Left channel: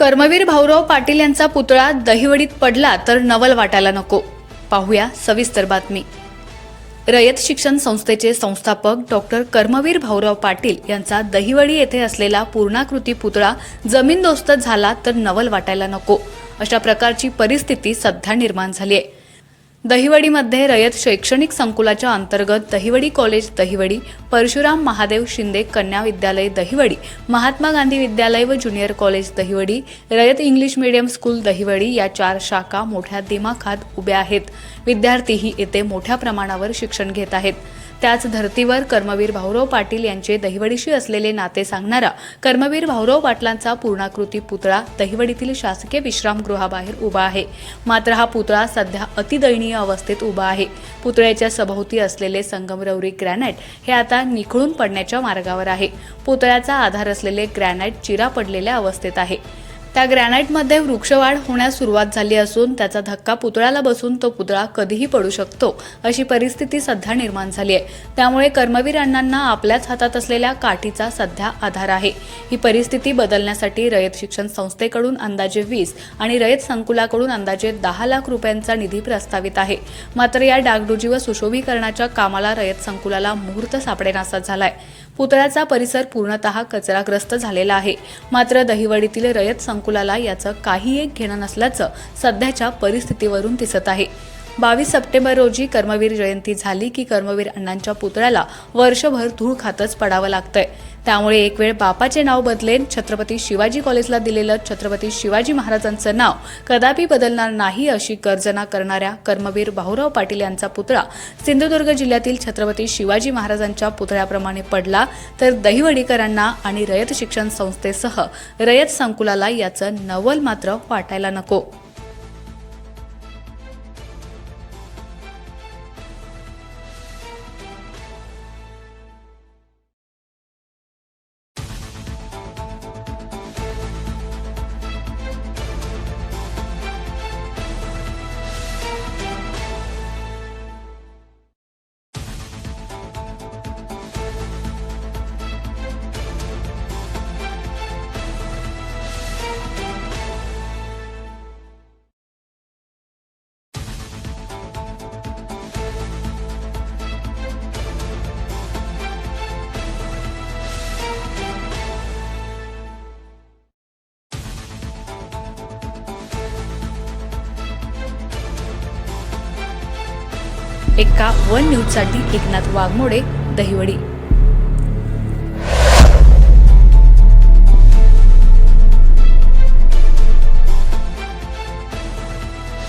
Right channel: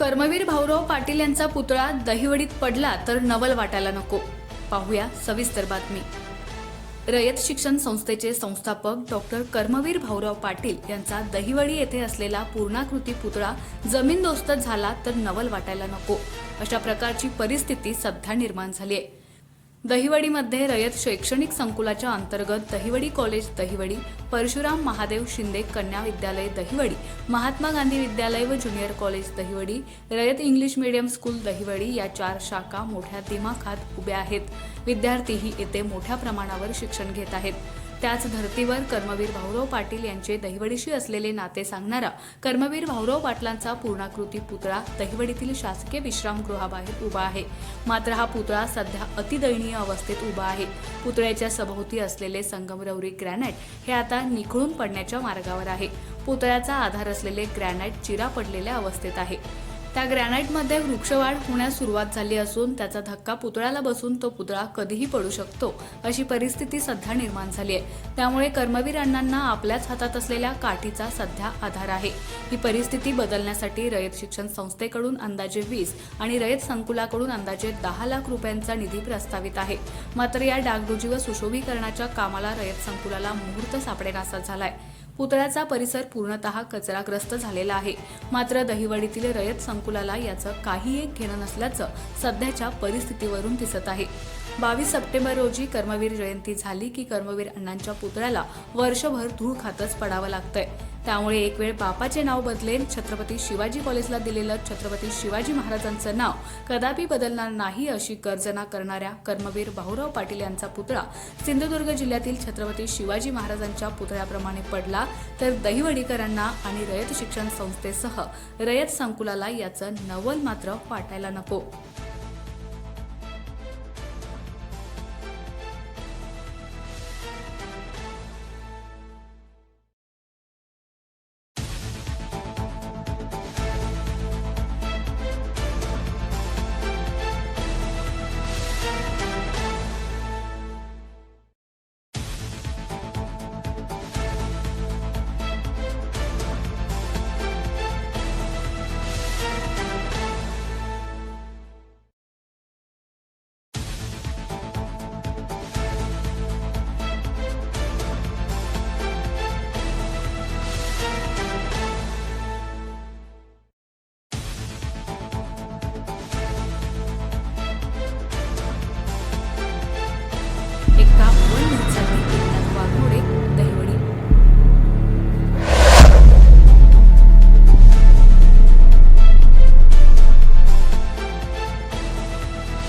कर्मवीर भाऊराव पाटील यांचा पुतळा दहिवडीत पडला तर नवल वाटायला नको. पाहूया सविस्तर बातमी. रयत शिक्षण संस्थेचे संस्थापक डॉक्टर कर्मवीर भाऊराव पाटील यांचा दहिवडी येथे असलेला पूर्णाकृती पुतळा जमीनदोस्त झाला तर नवल वाटायला नको. अशा प्रकारची परिस्थिती सध्या निर्माण झाली आहे. दहिवडीमध्ये रयत शैक्षणिक संकुलाच्या अंतर्गत दहिवडी कॉलेज दहिवडी परशुराम महादेव शिंदे कन्या विद्यालय दहिवडी महात्मा गांधी विद्यालय व junior college Dahiwadi Rayat English medium school Dahiwadi या चार शाखा मोठ्या दिमाखात उभ्या आहेत. विद्यार्थीही येथे मोठ्या प्रमाणावर शिक्षण घेत आहेत. त्याच धर्तीवर कर्मवीर भाऊराव पाटील यांचे दहिवडीशी असलेले नाते सांगणारा कर्मवीर भाऊराव पाटलांचा पूर्णाकृती पुतळा दहिवडीतील शासकीय विश्रामगृहाबाहेर उभा आहे. मात्र हा पुतळा सध्या अतिदयनीय अवस्थेत उभा आहे. पुतळ्याच्या सभोवती असलेले संगमरवरी ग्रॅनाइट हे आता निखळून पडण्याच्या मार्गावर आहे. पुतळ्याचा आधार असलेले ग्रॅनाइट चिरा पडलेल्या अवस्थेत आहे. त्या ग्रॅनाइटमध्ये वृक्षवाढ होण्यास सुरुवात झाली असून त्याचा धक्का पुतळ्याला बसून तो पुतळा कधीही पडू शकतो अशी परिस्थिती सध्या निर्माण झाली आहे. त्यामुळे कर्मवीर अण्णांना आपल्याच हातात असलेल्या काठीचा सध्या आधार आहे. ही परिस्थिती बदलण्यासाठी रयत शिक्षण संस्थेकडून अंदाजे वीस आणि रयत संकुलाकडून अंदाजे दहा लाख रुपयांचा निधी प्रस्तावित आहे. मात्र या डागडुजी व सुशोभीकरणाच्या कामाला रयत संकुलाला मुहूर्त सापडेनासा झालाय. पुतळ्याचा परिसर पूर्णतः कचराग्रस्त झालेला आहे. मात्र दहिवडीतील रयत संकुल संकुलाला याचं काही एक घेणं नसल्याचं सध्याच्या परिस्थितीवरून दिसत आहे. बावीस सप्टेंबर रोजी कर्मवीर जयंती झाली की कर्मवीर अण्णांच्या पुतळ्याला वर्षभर धूळ खातच पडावं लागतंय. त्यामुळे एक वेळ बापाचे नाव बदलेन छत्रपती शिवाजी कॉलेजला दिलेलं छत्रपती शिवाजी महाराजांचं नाव कदापि बदलणार नाही अशी गर्जना करणाऱ्या कर्मवीर भाऊराव पाटील यांचा पुतळा सिंधुदुर्ग जिल्ह्यातील छत्रपती शिवाजी महाराजांच्या पुतळ्याप्रमाणे पडला तर दहिवडीकरांना आणि रयत शिक्षण संस्थेसह रयत संकुलाला याचं नवल मात्र वाटायला नको. एका वन न्यूजसाठी एकनाथ वाघमोडे दहिवडी.